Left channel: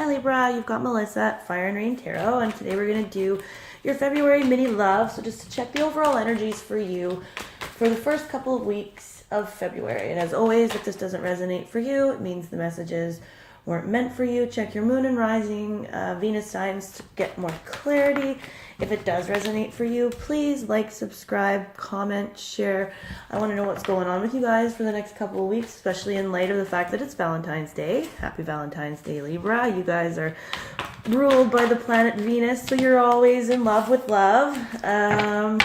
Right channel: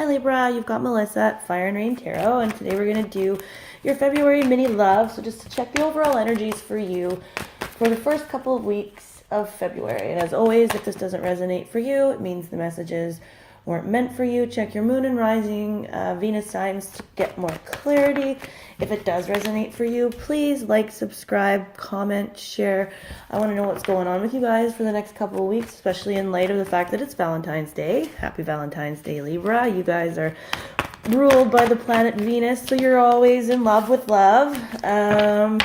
Hi Libra, you've got Melissa at Fire and Rain Tarot, and today we're going to do your February mini love. So just to check the overall energies for you for the first couple of weeks of February. And as always, if this doesn't resonate for you, it means the messages weren't meant for you. Check your moon and rising Venus signs to get more clarity. If it does resonate for you, please like, subscribe, comment, share. I want to know what's going on with you guys for the next couple of weeks, especially in light of the fact that it's Valentine's Day. Happy Valentine's Day, Libra. You guys are ruled by the planet Venus, so you're always in love with love. And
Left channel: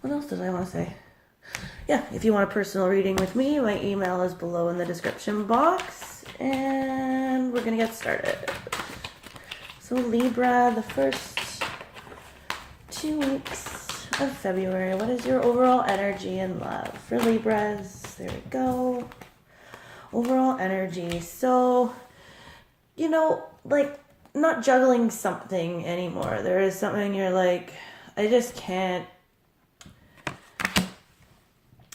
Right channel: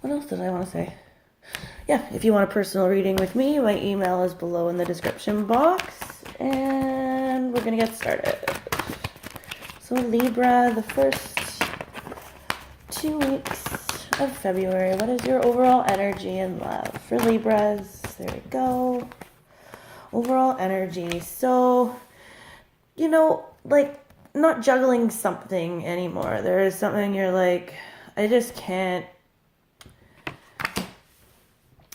what else did I want to say? Yeah, if you want a personal reading with me, my email is below in the description box. And we're going to get started. So Libra, the first 2 weeks of February, what is your overall energy and love for Libras? There we go. Overall energy. So, you know, like not juggling something anymore. There is something you're like, I just can't.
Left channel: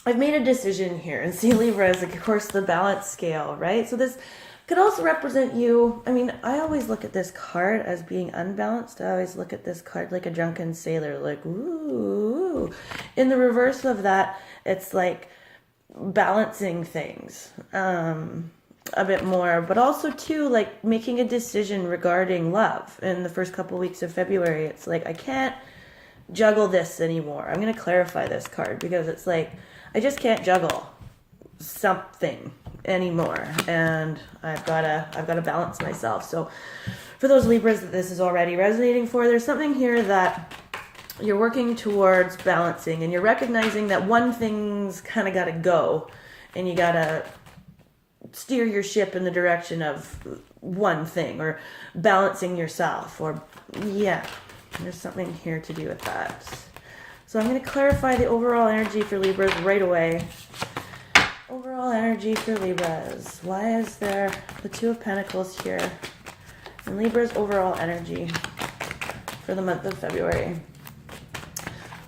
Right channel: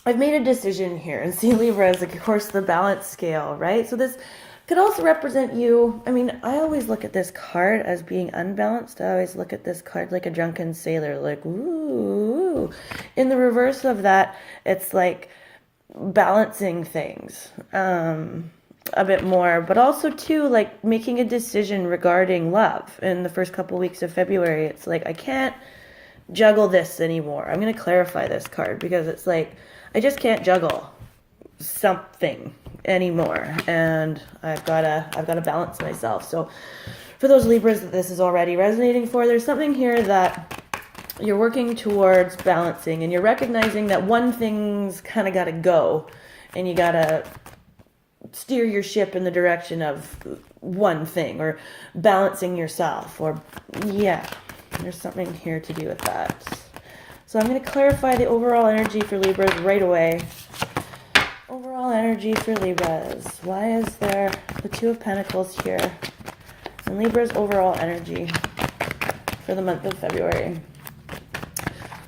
I've made a decision here, and see Libra is, like, of course, the balance scale, right? So this could also represent you. I mean, I always look at this card as being unbalanced. I always look at this card like a drunken sailor, like, ooh. In the reverse of that, it's like balancing things a bit more, but also, too, like making a decision regarding love in the first couple weeks of February. It's like, I can't juggle this anymore. I'm going to clarify this card because it's like, I just can't juggle something anymore, and I've got to balance myself. So for those Libras that this is already resonating for, there's something here that you're working towards balancing, and you're recognizing that one thing's kind of got to go, and you got to steer your ship in the direction of one thing, or balancing yourself, or yeah, there's something here to do with that. So I'm going to clarify the overall energy for Libras right away. Overall energy for Libras. Why is there the Two of Pentacles here? And Libra's overall energy for the month of February.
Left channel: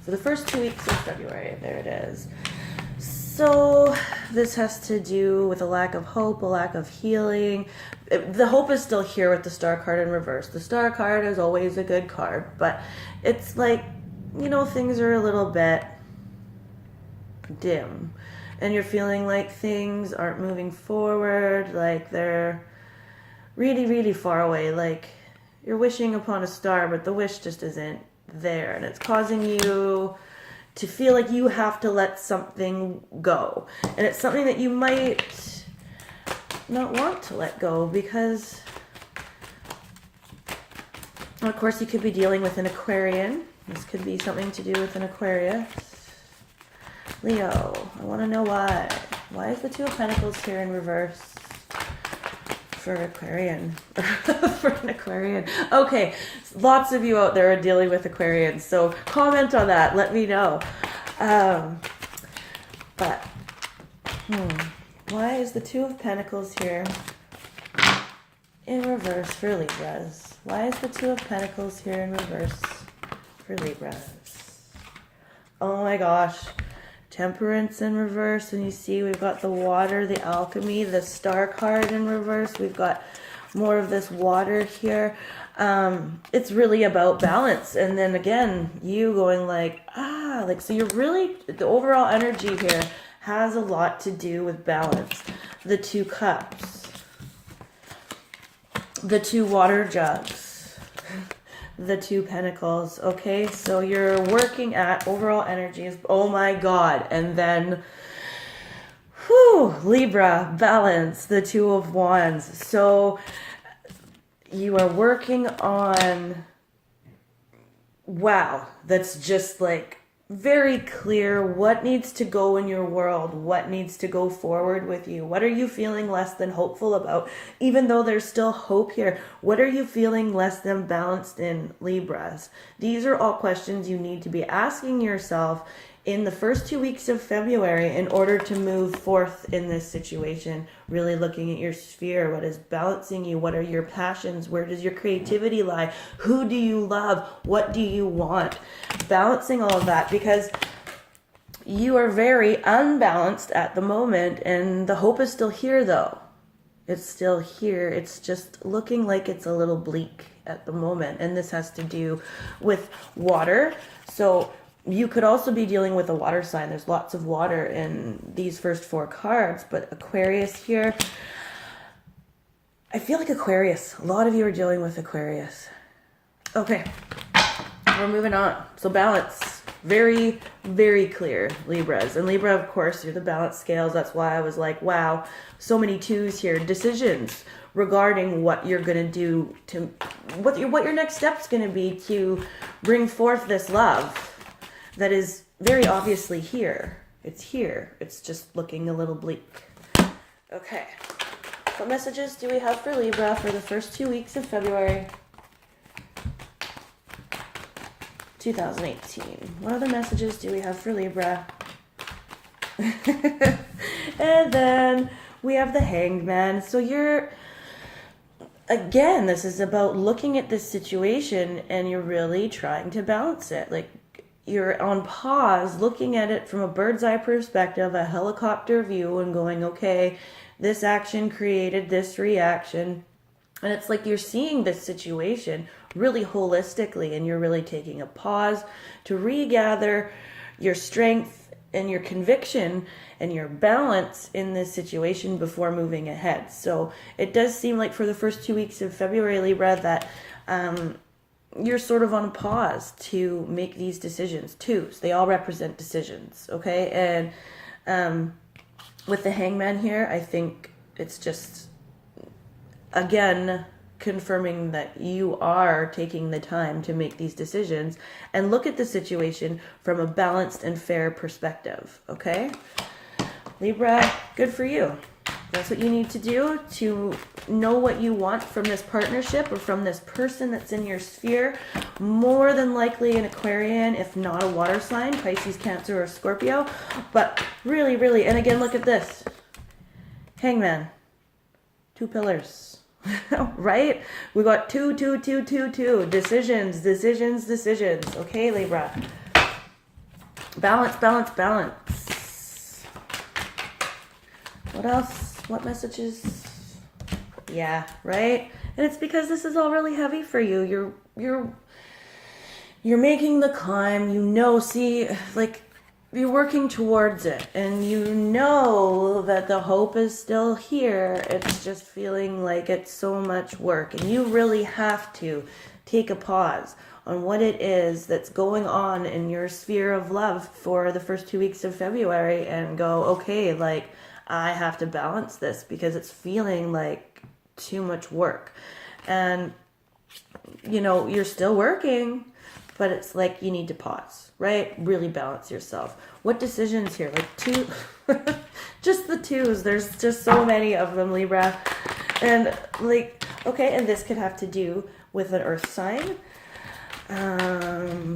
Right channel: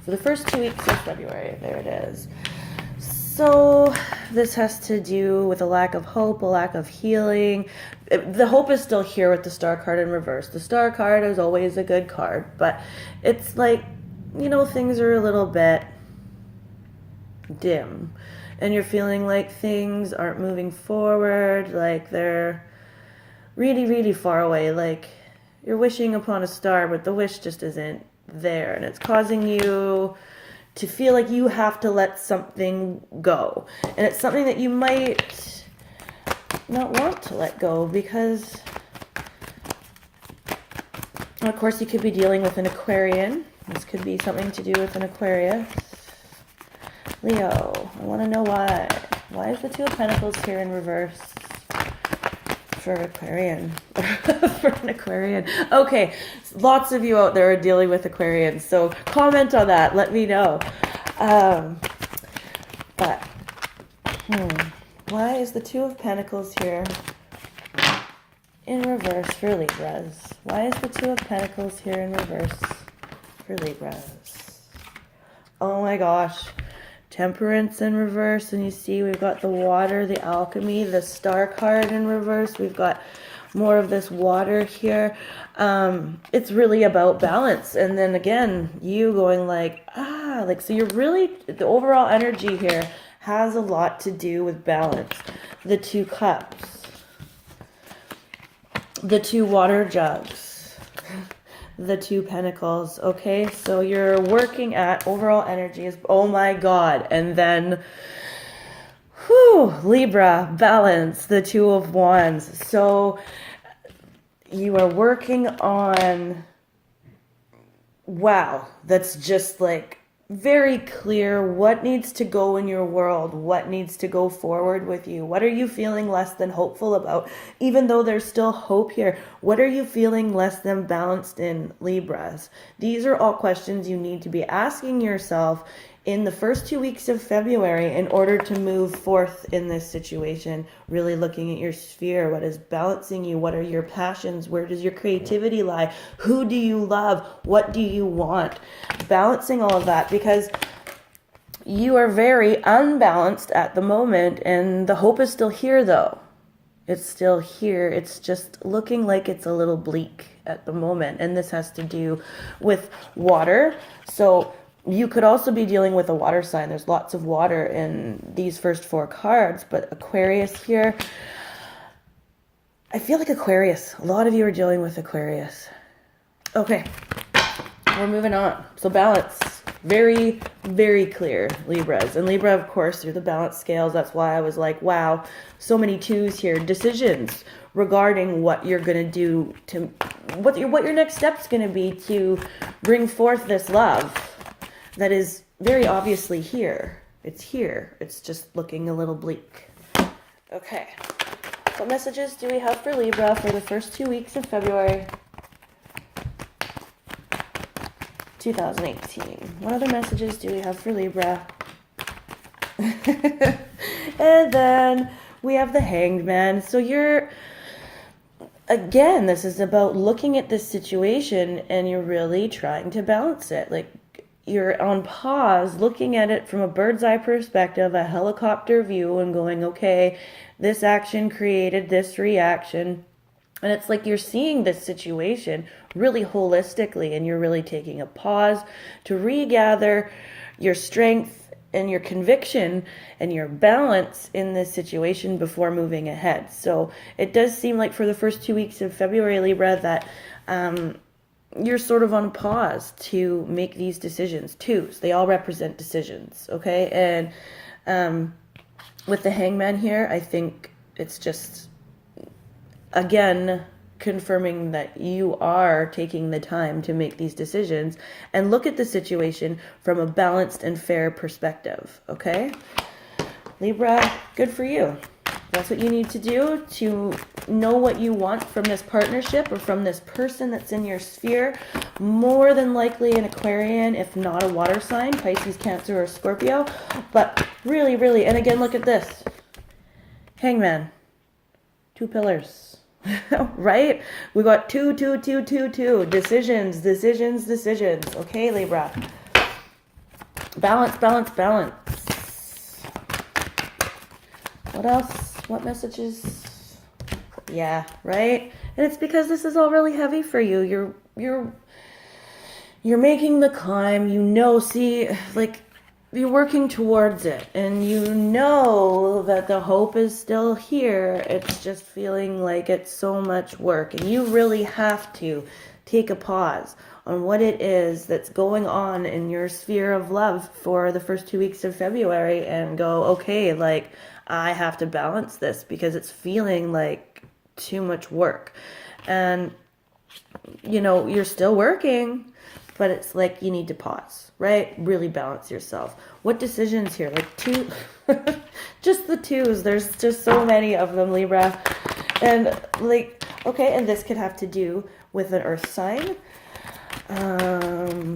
For the first 2 weeks of February. There it is. So this has to do with a lack of hope, a lack of healing. The hope is still here with the Star card in reverse. The Star card is always a good card, but it's like, you know, things are a little bit dim, and you're feeling like things aren't moving forward, like they're really, really far away, like you're wishing upon a star, but the wish just isn't there, and it's causing you to feel like you have to let something go, and it's something that you might not want to let go because, of course, you could be dealing with an Aquarian. This could be something to do with an Aquarius. Leo, I want to know why. Why is the Two of Pentacles here in reverse for Aquarian? For an Aquarian. Okay, lots of you out there are dealing with Aquarians, so comment on that. Let me know. Why is the Two of Pentacles here in reverse for Libras? Why is the Two of Pentacles here in reverse for Libras? Oh my gosh. Temperance in reverse, and you see we've got the water, the alchemy, the Star card in reverse. We've got more of this water here. It's really about balance, and then again, you going like, so you're really, the overall energy here has a lot to do with balance. The Two Cups, the two water jugs, the Two Pentacles. Okay, so you're working at overall energies. Oh my God. And then Libra, balance, the Two of Wands. So you are working on, wow, that's just like very clear what needs to go in your world, what needs to go forward with you. What are you feeling less than hopeful about? Even though there's still hope here, what are you feeling less than balanced in, Libras? These are all questions you need to be asking yourself in the first 2 weeks of February in order to move forth in this situation. Really looking at your sphere. What is balancing you? What are your passions? Where does your creativity lie? Who do you love? What do you want? Balancing all of that, because you are very unbalanced at the moment, and the hope is still here though. It's still here. It's just looking like it's a little bleak at the moment. And this has to do with water. So you could also be dealing with a water sign. There's lots of water in these first 4 cards, but Aquarius here, I feel like Aquarius. A lot of you are dealing with Aquarius. Okay, we're moving on. So balance, very, very clear, Libras. And Libra, of course, you're the balance scales. That's why I was like, wow, so many 2s here. Decisions regarding what you're going to do, to what your next step's going to be to bring forth this love that is very obviously here. It's here. It's just looking a little bleak. Okay. What messages do we have for Libra for the first 2 weeks of February 2018? What other messages do we have for Libra? And then we have the Hanged Man. So you're, again, this is about looking at this situation and you're really trying to balance it. Like, you're on pause, looking at it from a bird's eye perspective, a helicopter view, and going, okay, this action created this reaction. And it's like you're seeing this situation really holistically, and you're really taking a pause to regather your strength and your conviction and your balance in this situation before moving ahead. So it does seem like for the first 2 weeks of February, Libra, that you're sort of on pause to make these decisions. 2s, they all represent decisions, okay? And with the Hangman here, I think it's just, again, confirming that you are taking the time to make these decisions and look at the situation from a balanced and fair perspective, okay? Libra, good for you. That's what you need to do to know what you want from this partnership or from this person that's in your sphere. More than likely an Aquarian, if not a water sign, Pisces, Cancer, or Scorpio. But really, really, and again, look at this. Hangman. 2 pillars. Right? We got 2, 2, 2, 2, 2. Decisions, decisions, decisions. Okay, Libra. Balance, balance, balance. What else? What messages? Yeah, right? And it's because this is all really heavy for you. You're making the climb, see, like, you're working towards it, and you know that the hope is still here. It's just feeling like it's so much work, and you really have to take a pause on what it is that's going on in your sphere of love for the first 2 weeks of February and go, okay, like, I have to balance this because it's feeling like too much work. And, you're still working, but it's like you need to pause, right? Really balance yourself. What decisions here? Like 2, just the 2s. There's just so many of them, Libra. And like, okay, and this could have to do with an earth sign.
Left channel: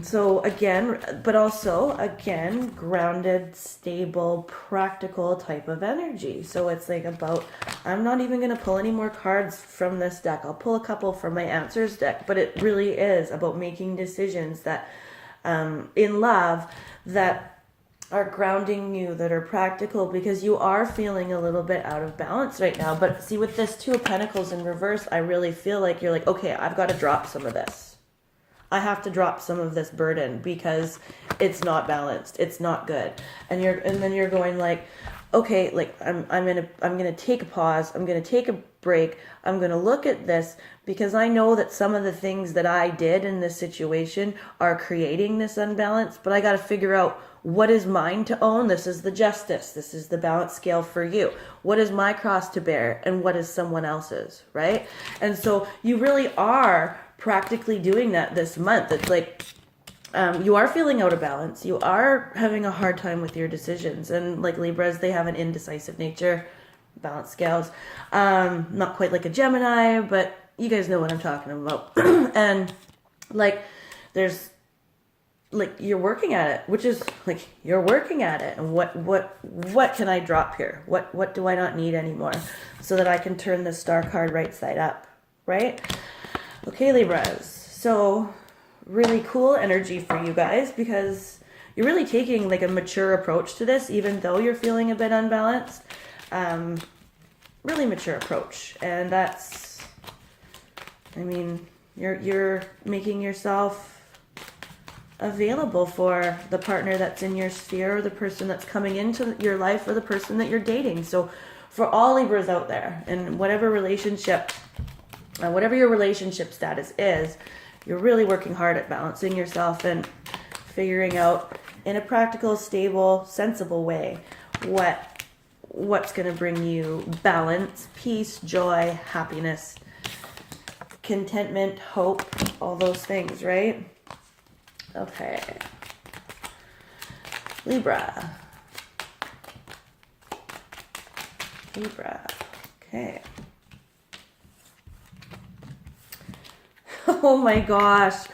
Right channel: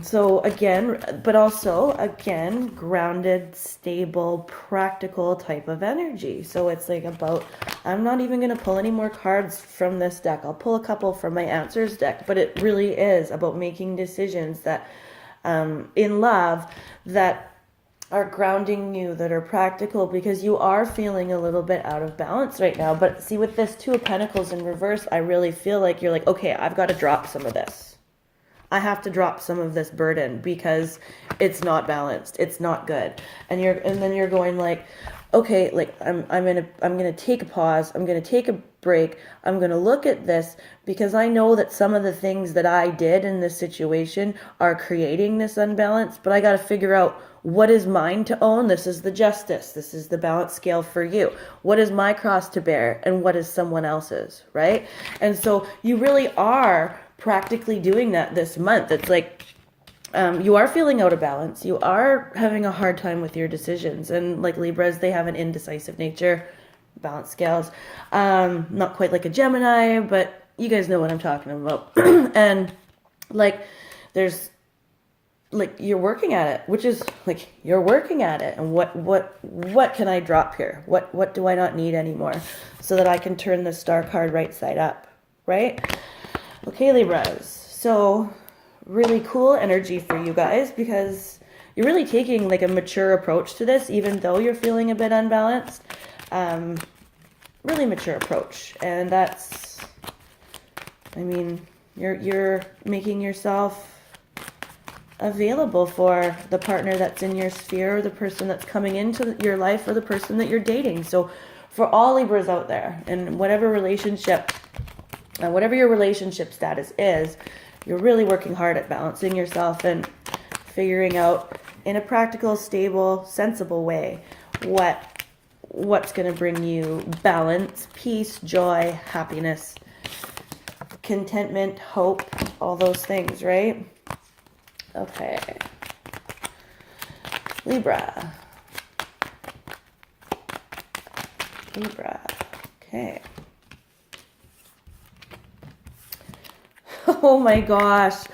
So again, but also again, grounded, stable, practical type of energy. So it's like about, I'm not even going to pull any more cards from this deck. I'll pull a couple from my answers deck, but it really is about making decisions that, in love, that are grounding you, that are practical, because you are feeling a little bit out of balance right now. But see, with this 2 of Pentacles in reverse, I really feel like you're like, okay, I've got to drop some of this. I have to drop some of this burden because it's not balanced. It's not good. And then you're going like, okay, like I'm gonna take a pause. I'm gonna take a break. I'm gonna look at this because I know that some of the things that I did in this situation are creating this unbalance, but I got to figure out what is mine to own. This is the justice. This is the balance scale for you. What is my cross to bear and what is someone else's, right? And so you really are practically doing that this month. It's like you are feeling out of balance. You are having a hard time with your decisions. And like Libras, they have an indecisive nature, balance scales. Not quite like a Gemini, but you guys know what I'm talking about. And like there's like you're working at it, which is like you're working at it. And what can I drop here? What do I not need anymore so that I can turn the star card right side up, right? Okay, Libras. So really cool energy for you guys because you're really taking like a mature approach to this, even though you're feeling a bit unbalanced. really mature approach. And that's, I mean, you're making yourself available for the partner that's in your sphere, or the person that's coming into your life, or the person that you're dating. So for all Libras out there, and whatever relationship, whatever your relationship status is, you're really working hard at balancing yourself and figuring out in a practical, stable, sensible way what's going to bring you balance, peace, joy, happiness, contentment, hope, all those things, right? Okay. Libra. Okay. Oh my gosh.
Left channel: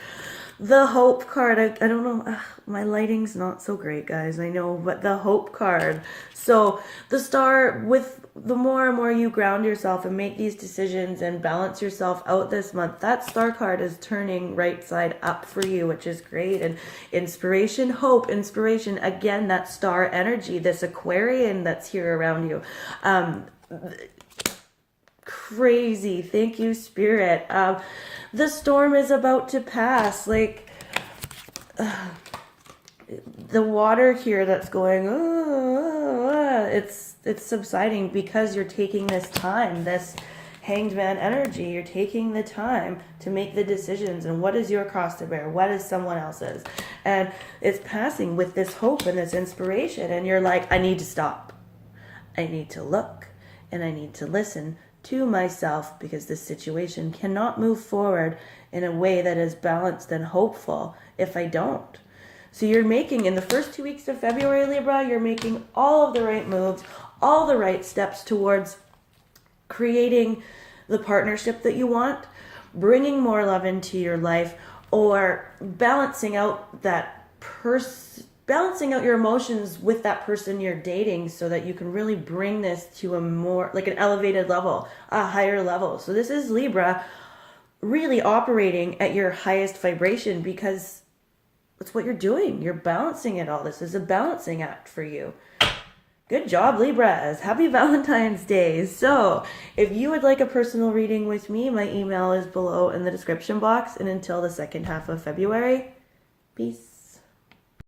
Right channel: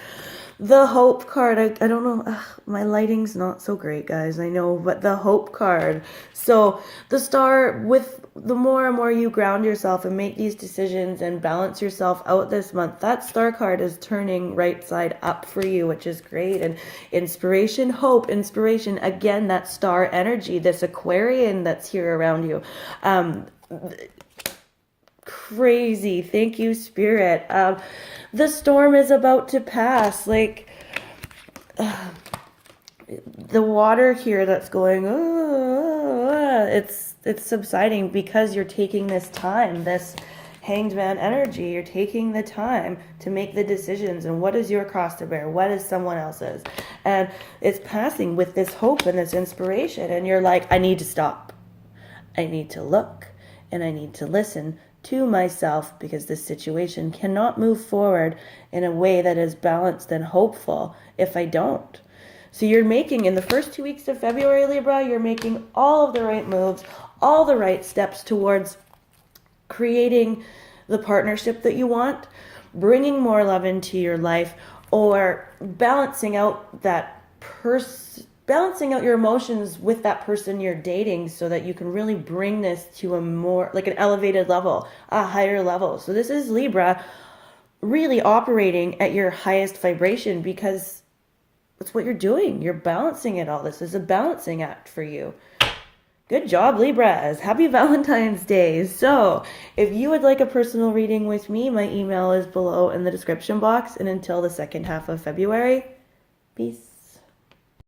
The Hope card. I don't know. Ugh, my lighting's not so great, guys. I know, but the Hope card. So the star, with the more and more you ground yourself and make these decisions and balance yourself out this month, that star card is turning right side up for you, which is great. And inspiration, hope, inspiration. Again, that star energy, this Aquarian that's here around you. Crazy. Thank you, Spirit. The storm is about to pass. Like, the water here that's going, it's subsiding because you're taking this time, this Hanged Man energy. You're taking the time to make the decisions. And what is your cross to bear? What is someone else's? And it's passing with this hope and this inspiration. And you're like, I need to stop. I need to look and I need to listen to myself, because this situation cannot move forward in a way that is balanced and hopeful if I don't. So you're making, in the first 2 weeks of February, Libra, you're making all of the right moves, all the right steps towards creating the partnership that you want, bringing more love into your life, or balancing out balancing out your emotions with that person you're dating, so that you can really bring this to a more, like, an elevated level, a higher level. So this is Libra really operating at your highest vibration, because that's what you're doing. You're balancing it all. This is a balancing act for you. Good job, Libras. Happy Valentine's Day. So if you would like a personal reading with me, my email is below in the description box. And until the second half of February, peace.